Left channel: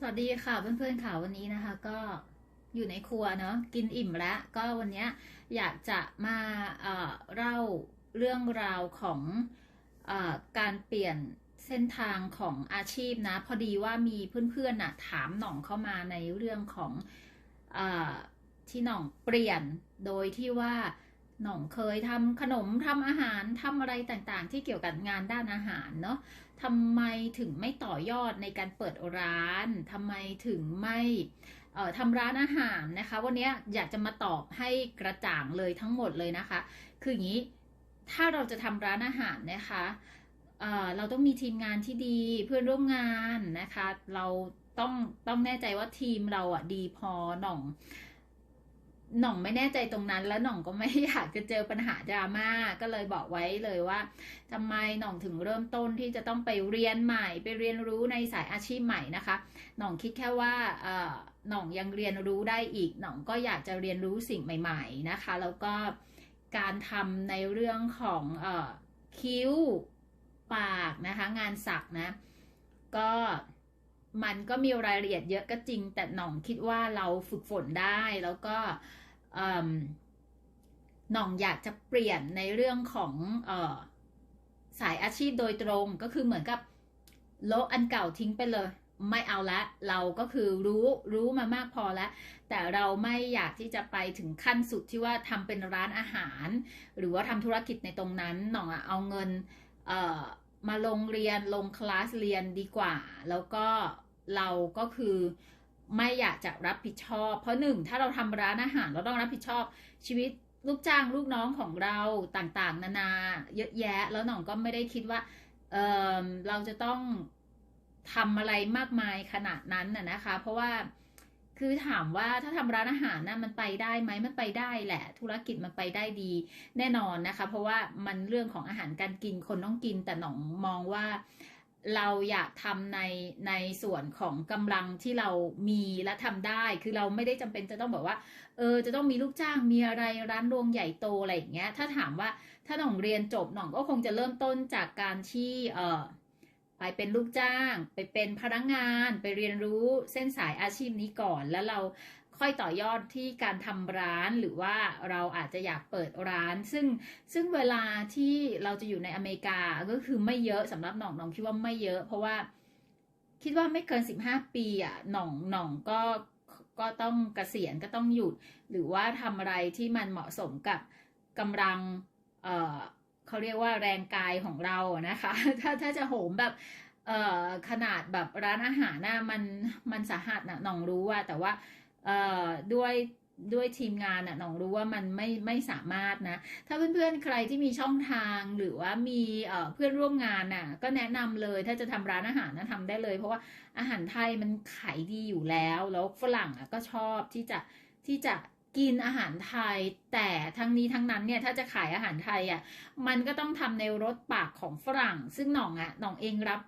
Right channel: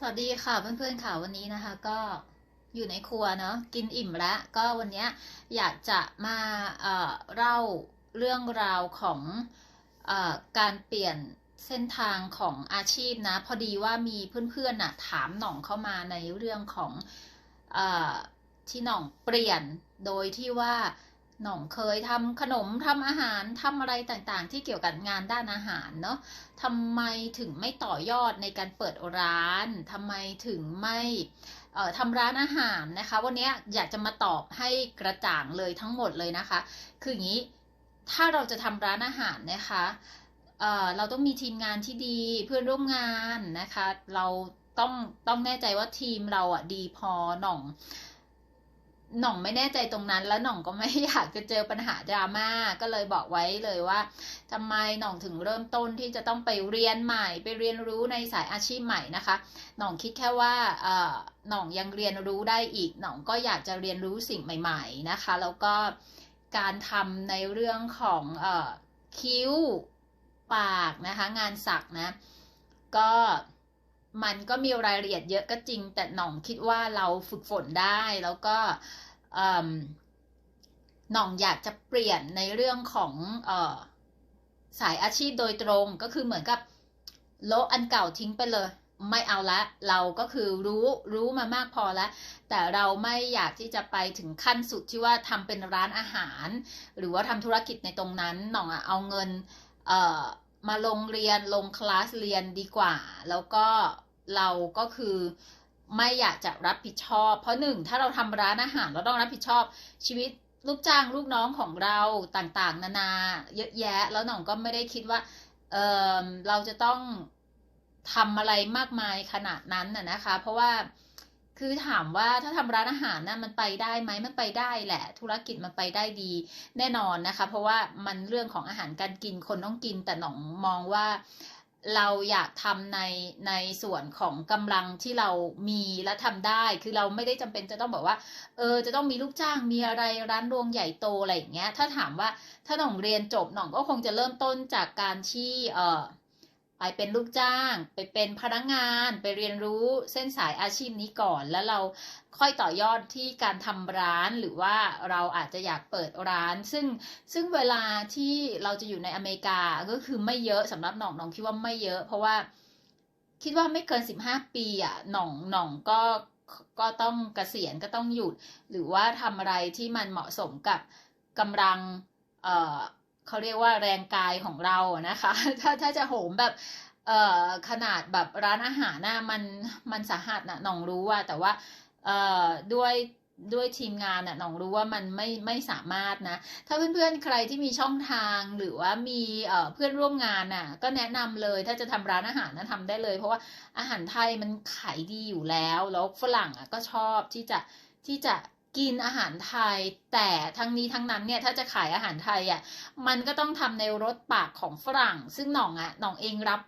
สวัสดีค่ะเพื่อนๆค่ะวันนี้นะคะ ก็อยู่ในครัวเนาะกินอิ่มแล้ว ก็วันนี้อยากจะมาเอ่อเล่าเรื่องราวของเอ่อการเปลี่ยนเส้นทางของอาชีพนะ พอดีว่ามีเพื่อนๆน่ะถามหน่องเข้ามาในเรื่องของเออที่หน่องเปลี่ยนโดยที่ว่า หน่องเคยทำขนมทำอาหารทำอะไรต่างๆ ที่เกี่ยวกับงานด้านอาหารเนาะทำไมถึงไม่ต่อยอดในการเปิดร้านทำไมถึงไม่เอ่อทำร้านอาหารนะคะ วันนี้อยากจะมาตอบให้กระจ่างเลยทั้งหมดเลยนะคะ คืออย่างนี้ถ้าเราจะทำร้านอาหารนะคะเอ่อเราต้องมีทีมงานที่ดีเพื่อนร่วมงานนะคะ เราต้องต้องแน่ใจว่าทีมเราอะดีพอหน่อง หน่องไม่แน่ใจตรงนั้น แล้วหน่องก็ไม่อยากจะเจอปัญหาดราม่าก็เลยบอกไว้เลยว่าทำไมหน่องถึงเริ่มต้นที่จะต้องไปเรียนใหม่ ไปเรียนรู้ในสายอาชีพใหม่นะคะ หน่องคิดแค่ว่าเออหน่องยังเรียนรู้ได้อีกหน่องก็อยากจะเรียนรู้สิ่งใหม่ ๆนะคะ แล้วก็การทำในเรื่องของเออคิ้วปากนะคะ งานสักนะ ก็ มันก็มีรายละเอียดเยอะก็จริง แต่หน่องคิดว่าเราฝึกฝนได้แล้วก็หน่องอยากจะเปลี่ยนในเรื่องของออสายอาชีพโดยตรงก็คือเหมือนกับโลอันเก่าทิ้งไปเลย ไม่เอาละ เราก็คือรู้รู้มามากพอแล้ว แต่เราไม่อยากที่จะไปถึงขั้นสุดที่ว่าทำเป็นร้านอาหาร หรือว่าทำธุรกิจในตรงนั้นหน่องเอาเงินเมาลงเรียนลงคลาสเรียนดีกว่า แล้วก็เราก็คือไม่อยากจะรับผิดชอบ เพราะหนึ่งถ้าเราทำร้านอาหารเราต้องรับผิดชอบ ชีวิตลูกจ้างลูกน้องของเราต่างๆ นานาเยอะแยะ แล้วหน่องก็ไม่ได้คิดว่าเออเราจะต้องทำอะไรมากมายขนาดนั้นน่ะนะคะ เพราะว่า คือถามว่าถ้าทำร้านอาหารนะมันไปได้ไหมมันไปได้แหละ ธุรกิจมันไปได้ดี แน่นอนนะคะ เพราะว่ามันเรื่องของอาหารการกินคนต้องกิน แต่หนองมองว่าเราอยากทำในในส่วนของกำลังที่เรามีและทำได้ คือเราไม่ได้จำเป็นจะต้องบอกว่า เออ จะต้องมีลูกจ้าง มีอะไรร้านรวงใหญ่โตอะไรอย่างเงี้ย ถ้าถามว่าถ้าหน่องเรียนจบหน่องก็คงจะเริ่มต้นจากการที่ เออ ไปเป็นลูกจ้าง ไปเป็นพนักงาน ไปเรียนรู้เส้นสายอาชีพนี้ก่อน แล้วเราค่อยต่อยอดที่การทำร้านหรือว่าเราอาจจะอยากเปิดร้าน ซึ่งซึ่งเวลาที่เราจะอยู่ในอเมริกาก็คือไม่เยอะสำหรับหน่องหน่องคิดว่าไม่เยอะ เพราะว่าคิดว่าไม่เกินสิบห้าปีอะหน่องหน่องก็ก็ต้องเกษียณก็ต้องหยุด หรือว่าทำอะไรที่มันเหมาะสมกับกำลังเอ่อ เขาเรียกว่าแรงกายของเรานะคะ ถ้าถ้าจะโหมแบบเอ่อขนาดแบบร้านอาหารน่ะมันมันสาหัสนะหน่องรู้ว่าแต่ว่าเอ่อด้วยด้วยทีมงานน่ะน่องรู้ว่ามันไม่ไม่สามารถนะ ถ้าเพื่อนๆใครที่มีช่องทางหรือว่ามีเอ่อเพื่อนร่วมงานน่ะ ก็แนะนำเลยถ้าจะทำร้านอาหารนะทำได้เลย เพราะว่าอาหารไทยมันขายดีอยู่แล้ว แล้วฝรั่งอะก็ชอบที่จะที่จะ กินอาหารไทย แต่ทั้งนี้ทั้งนั้นเนี่ยถ้าจะขายอาหารไทยอะมันก็ต้องทำในรสปากของฝรั่ง ซึ่งหน่องอะหน่องเองรับ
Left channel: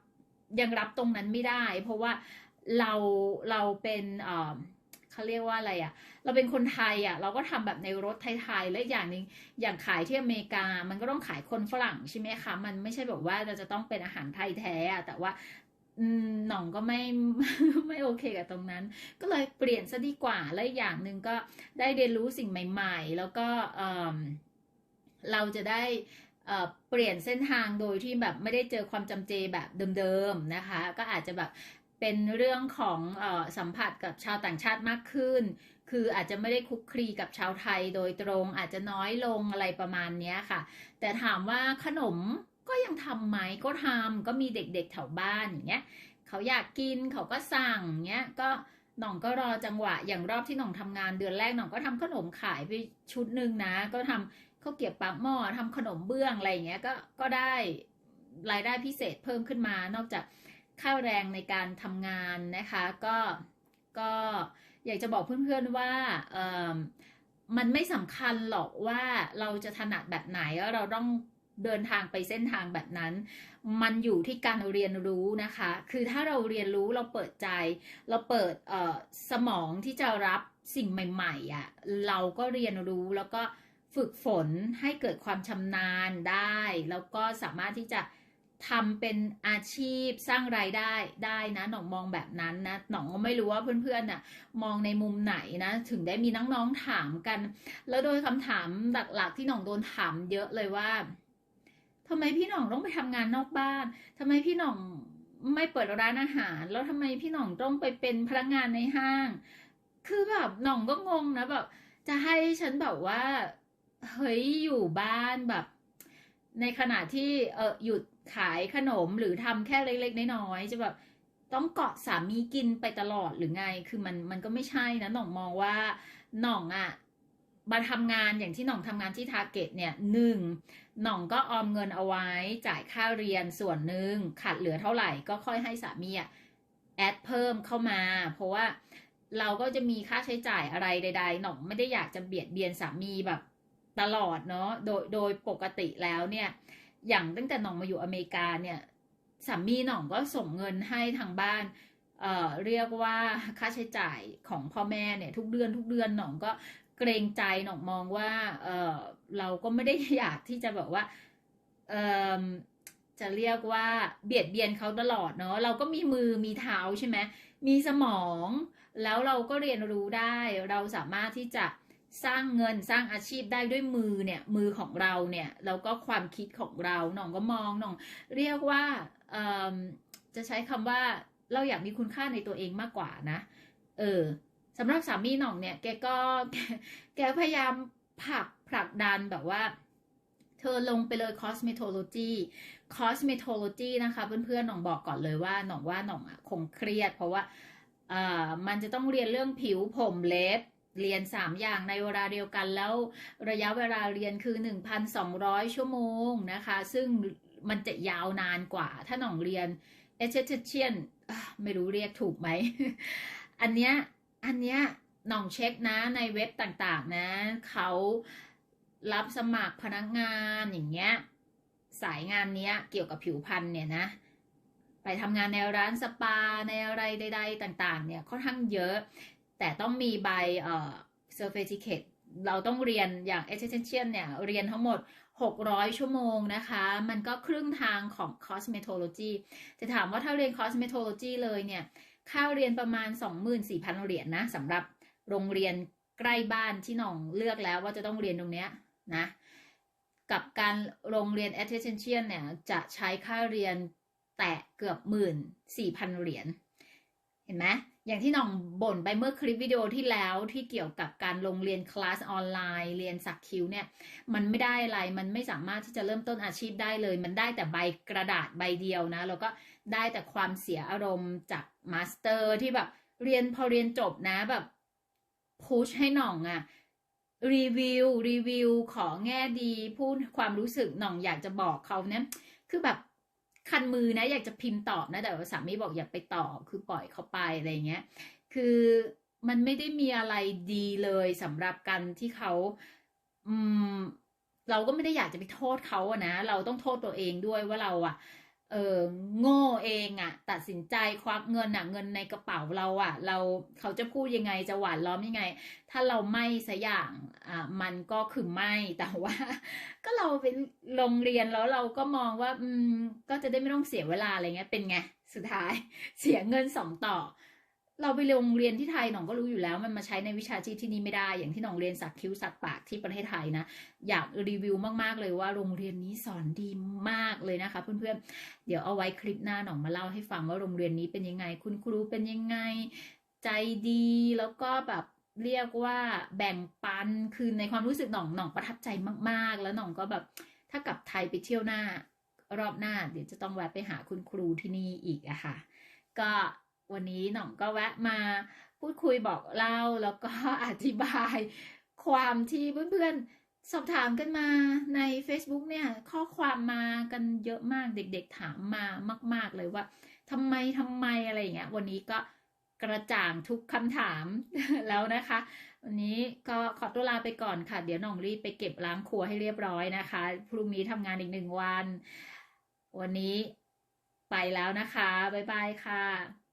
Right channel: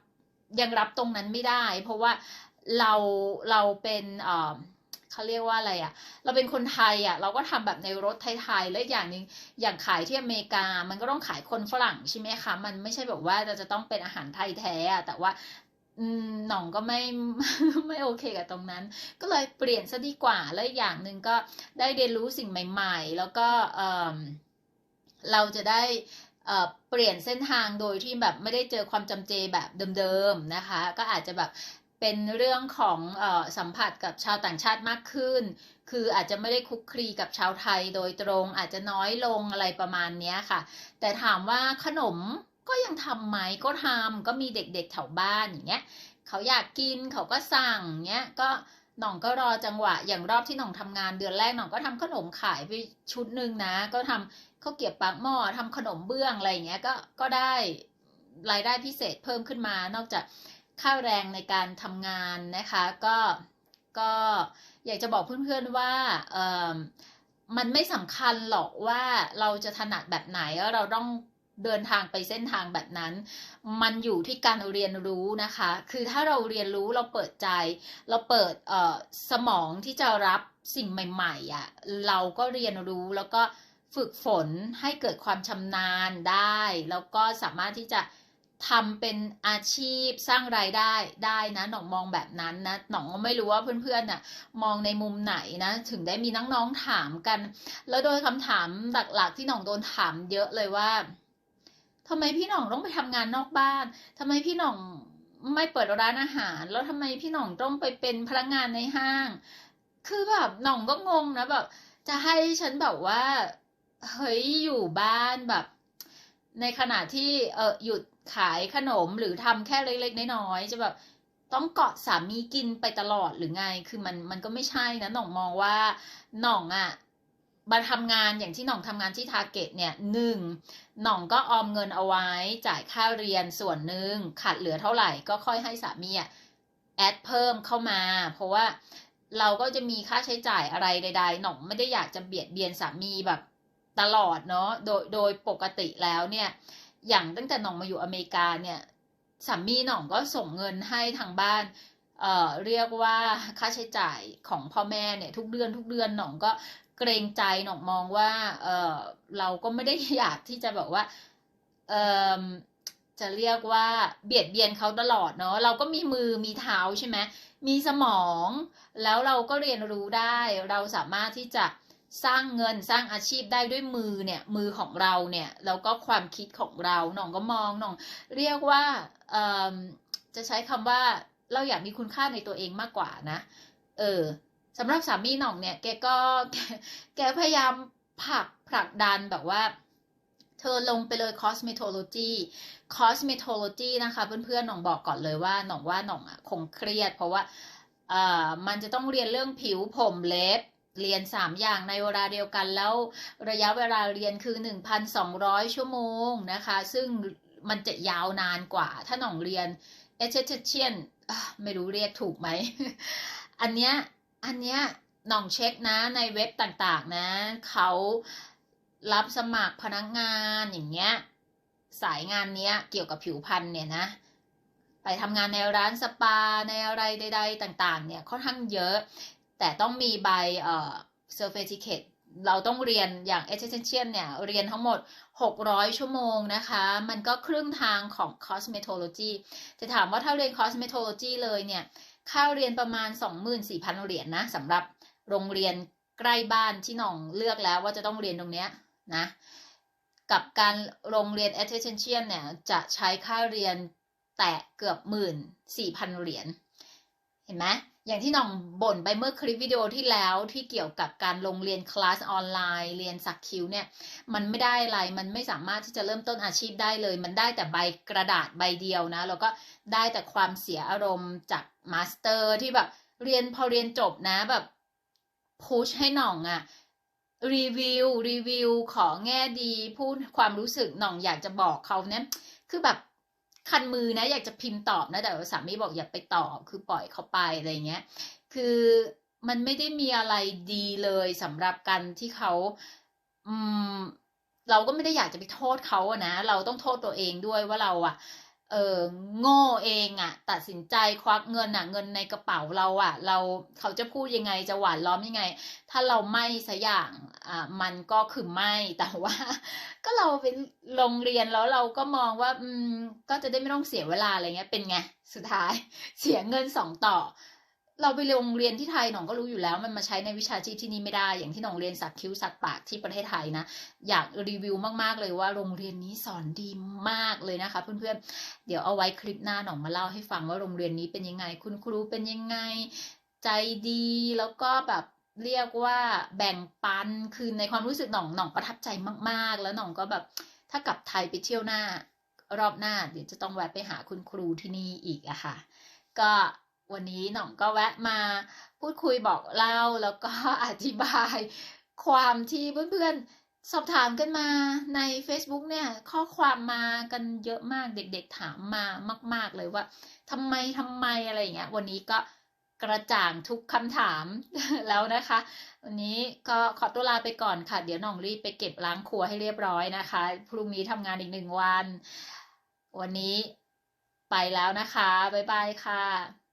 ยังรับตรงนั้นไม่ได้ เพราะว่าเราเราเป็นเอ่อเขาเรียกว่าอะไรอะเราเป็นคนไทยอะเราก็ทำแบบในรสไทยๆ และอีกอย่างหนึ่งอย่างขายที่อเมริกา มันก็ต้องขายคนฝรั่งใช่ไหมคะ มันไม่ใช่แบบว่าจะจะต้องเป็นอาหารไทยแท้อะแต่ว่า หน่องก็ไม่ไม่โอเคกับตรงนั้น ก็เลยเปลี่ยนซะดีกว่า และอีกอย่างหนึ่งก็ได้เรียนรู้สิ่งใหม่ ๆ แล้วก็เออเราจะได้เอ่อเปลี่ยนเส้นทางโดยที่แบบไม่ได้เจอความจำเจแบบเดิมๆนะคะ ก็อาจจะแบบเป็นเรื่องของเออสัมผัสกับชาวต่างชาติมากขึ้น คืออาจจะไม่ได้คุกคลีกับชาวไทยโดยตรง อาจจะน้อยลงอะไรประมาณนี้ค่ะ แต่ถามว่าขนม ก็ยังทำไหมก็ทำก็มีเด็กๆแถวบ้านอย่างเงี้ยเขาอยากกินเขาก็สั่งเงี้ยก็หน่องก็รอจังหวะ อย่างรอบที่หน่องทำงานเดือนแรกหน่องก็ทำขนมขายไปชุดหนึ่งนะ ก็ทำข้าวเกรียบปากหม้อทำขนมเบื้องอะไรอย่างเงี้ยก็ก็ได้รายได้พิเศษเพิ่มขึ้นมา นอกจากค่าแรงในการทำงานนะคะ ก็ก็อยากจะบอกเพื่อนๆว่าเออมันไม่สำคัญหรอกว่าเราจะถนัดแบบไหนเราต้อง เดินทางไปเส้นทางแบบนั้น มันอยู่ที่การเรียนรู้นะคะ คือถ้าเราเรียนรู้เราเปิดใจ เราเปิดเอ่อสมองที่จะรับสิ่งใหม่ๆอะเราก็เรียนรู้แล้วก็ฝึกฝนให้เกิดความชำนาญได้ แล้วก็สามารถที่จะทำเป็นอาชีพสร้างรายได้ได้นะหน่องมองแบบนั้นนะหน่องก็ไม่รู้ว่าเพื่อนๆน่ะมองในมุมไหนนะถึงได้มีน้องๆถามกัน แล้วโดยคำถามหลักๆที่หน่องโดนถามเยอะเลยว่า ทำไมพี่หน่องต้องไปทำงานนอกบ้านทำไมพี่หน่องไม่เปิดร้านอาหาร แล้วทำไมพี่หน่องต้องไปเป็นพนักงานในห้าง คือแบบหน่องก็งงนะแบบจะให้ฉันแบบว่าเฮ้ยอยู่บ้านแบบ ในขณะที่เออหยุดขายขนมหรือทำแค่เล็กๆน้อยๆจะแบบต้องเกาะสามีกินไปตลอดหรือไง คือมันมันก็ไม่ใช่นะหน่องมองว่าหน่องอะ่ะ มาทำงานอย่างที่หน่องทำงานที่ทาร์เก็ตเนี่ยหนึ่งหน่องก็ออมเงินเอาไว้จ่ายค่าเรียนส่วนหนึ่งขาดเหลือเท่าไหร่ก็ค่อยให้สามีอะแอดเพิ่มเข้ามา เพราะว่าเราก็จะมีค่าใช้จ่ายอะไรใด ๆ หน่องไม่ได้อยากจะเบียดเบียนสามีแบบตลอดเนาะโดยโดยปกติแล้วเนี่ย อย่างตั้งแต่หน่องมาอยู่อเมริกาเนี่ยสามีหน่องก็ส่งเงินให้ทางบ้านเอ่อเรียกว่าค่าใช้จ่ายของพ่อแม่เนี่ยทุกเดือนทุกเดือนหน่องก็ เกรงใจหนองมองว่าเออเราก็ไม่ได้อยากที่จะแบบว่าเออจะเรียกว่าเบียดเบียนเขาตลอดเนาะเราก็มีมือมีเท้าใช่ไหมมีสมอง แล้วเราก็เรียนรู้ได้ เราสามารถที่จะสร้างเงินสร้างอาชีพได้ด้วยมือเนี่ยมือของเราเนี่ยแล้วก็ความคิดของเราหน่องก็มองหน่อง เรียกว่าจะใช้คำว่าเราอยากมีคุณค่าในตัวเองมากกว่านะ เออ สำหรับสามีหน่องเนี่ย แกก็แกพยายามผลักผลักดันแบบว่า เธอลงไปเลย cosmetology cosmetology นะคะเพื่อนๆหน่องบอกก่อนเลยว่าหน่องว่าหน่องอะคงเครียด เพราะว่าเอ่อมันจะต้องเรียนเรื่องผิวผมเล็บเรียน 3 อย่างในเวลาเดียวกันแล้วระยะเวลาเรียนคือ 1,200 ชั่วโมงนะคะ ซึ่งมันจะยาวนานกว่า ถ้าหน่องเรียน esthetician อะไม่รู้เรียกถูกไหม อันเนี้ย อันเนี้ยน่องเช็คนะในเว็บต่างๆนะเขารับสมัครพนักงานอย่างเงี้ยสายงานเนี้ยเกี่ยวกับผิวพรรณเนี่ยนะ ไปทำงานในร้านสปาในอะไรใด ๆ ต่างๆ เนี่ยค่อนข้างเยอะ แต่ต้องมีใบเอ่อ certificate เราต้องเรียนอย่าง esthetician เนี่ย เรียนทั้งหมด 600 ชั่วโมงนะคะ มันก็ครึ่งทางของ cosmetology จะถามว่าถ้าเรียน cosmetology เลยเนี่ย ค่าเรียนประมาณ 24,000 เหรียญนนะสำหรับโรงเรียนใกล้บ้านที่น้องเลือกแล้วว่าจะต้องเรียนตรงเนี้ยนะกับการโรงเรียน attention เนี่ยจะใช้ค่าเรียนแตะเกือบหมื่นสี่พันเหรียญเห็นไหม อย่างที่น่องบ่นไปเมื่อคลิปวิดีโอที่แล้วที่เกี่ยวกับการลงเรียนคลาสออนไลน์ เรียนสักคิ้วเนี่ย มันไม่ได้อะไร มันไม่สามารถที่จะเริ่มต้นอาชีพได้เลย มันได้แต่ใบกระดาษใบเดียวนะ แล้วก็ได้แต่ความเสียอารมณ์จากมาสเตอร์ที่แบบเรียนพอเรียนจบนะแบบพุชให้หน่องอะรีวิวรีวิว ขอแง่ดี พูดความรู้สึกหน่องอยากจะบอกเขาเนี่ยคือแบบ คันมือนะ อยากจะพิมพ์ตอบนะแต่สามีบอกอย่าไปตอบคือปล่อยเขาไปอะไรเงี้ย คือมันไม่ได้มีอะไรดีเลยสำหรับกันที่เขาอืมเราก็ไม่ได้อยากจะไปโทษเขาอะนะ เราต้องโทษตัวเองด้วยว่าเราอะ เออโง่เองอะตัดสินใจควักเงินอะเงินในกระเป๋าเราอะเราเขาจะพูดยังไงจะหวานล้อมยังไง ถ้าเราไม่สัอย่างอ่ามันก็คือไม่แต่ว่า ก็เราไปโรงเรียนแล้วเราก็มองว่า อืมก็จะได้ไม่ต้องเสียเวลาอะไรเงี้ยเป็นไงสุดท้ายเสียเงินสองต่อ เราไปโรงเรียนที่ไทยหนองก็รู้อยู่แล้ว มันมาใช้ในวิชาชีพที่นี่ไม่ได้ อย่างที่หนองเรียนสักคิ้วสักปากที่ประเทศไทยนะ อยากรีวิวมากๆเลยว่าโรงเรียนนี้สอนดีมากเลยนะคะ เพื่อนๆ เดี๋ยวเอาไว้คลิปหน้าหนองมาเล่าให้ฟังว่าโรงเรียนนี้เป็นยังไง คุณครูเป็นยังไง ใจดีแล้วก็แบบเรียกว่าแบ่งปันคือในความรู้สึกหนองหนองประทับใจมาก ๆ แล้วหนองก็แบบถ้ากลับไทยไปเที่ยวหน้ารอบหน้า เดี๋ยวจะต้องแวะไปหาคุณครูที่นี่อีกอะค่ะ ก็ วันนี้หน่องก็แวะมาพูดคุยบอกเล่าแล้วก็อธิบาย ความที่เพื่อนๆ สอบถามกันมาใน Facebook เนี่ย ข้อความมากันเยอะมากเด็กๆถามมามาก ๆเลยว่าทำไมทำไมอะไรอย่างเงี้ยวันนี้ก็กระจ่างทุกคำถามแล้วนะคะ วันนี้ก็ขอตัวลาไปก่อนค่ะ เดี๋ยวน่องรีบไปเก็บล้างครัวให้เรียบร้อยนะคะ พรุ่งนี้ทำงานอีกหนึ่งวัน วันนี้ไปแล้วนะคะ บ๊ายบายค่ะ